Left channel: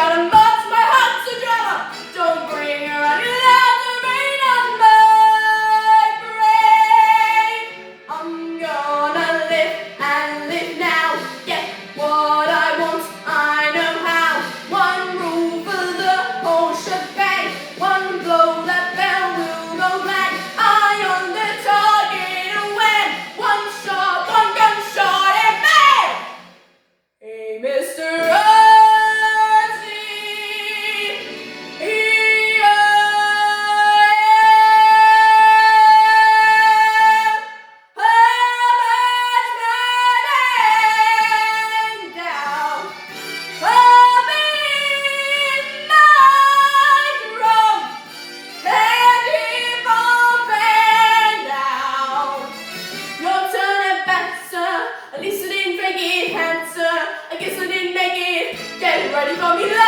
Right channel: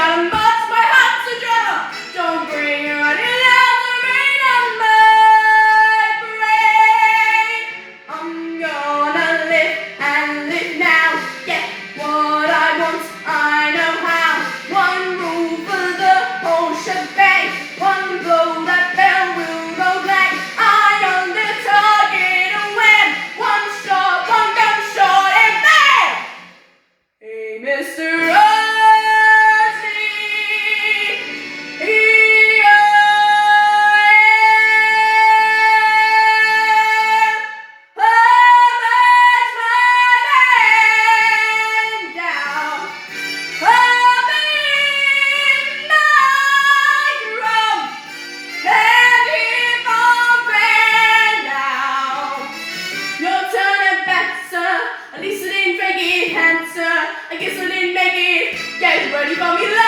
gotta march my heart to drama. Don't bring your running loud to rain on my parade. I'm gonna live and live now. Get what I want, I know how. One move for the whole shebang. One blow that bell will go blank. Eye on the target and wham. One shot, one gunshot and bang. Hey, Mr. At least I didn't fake it, answer. I guess I didn't make it. Get ready for me.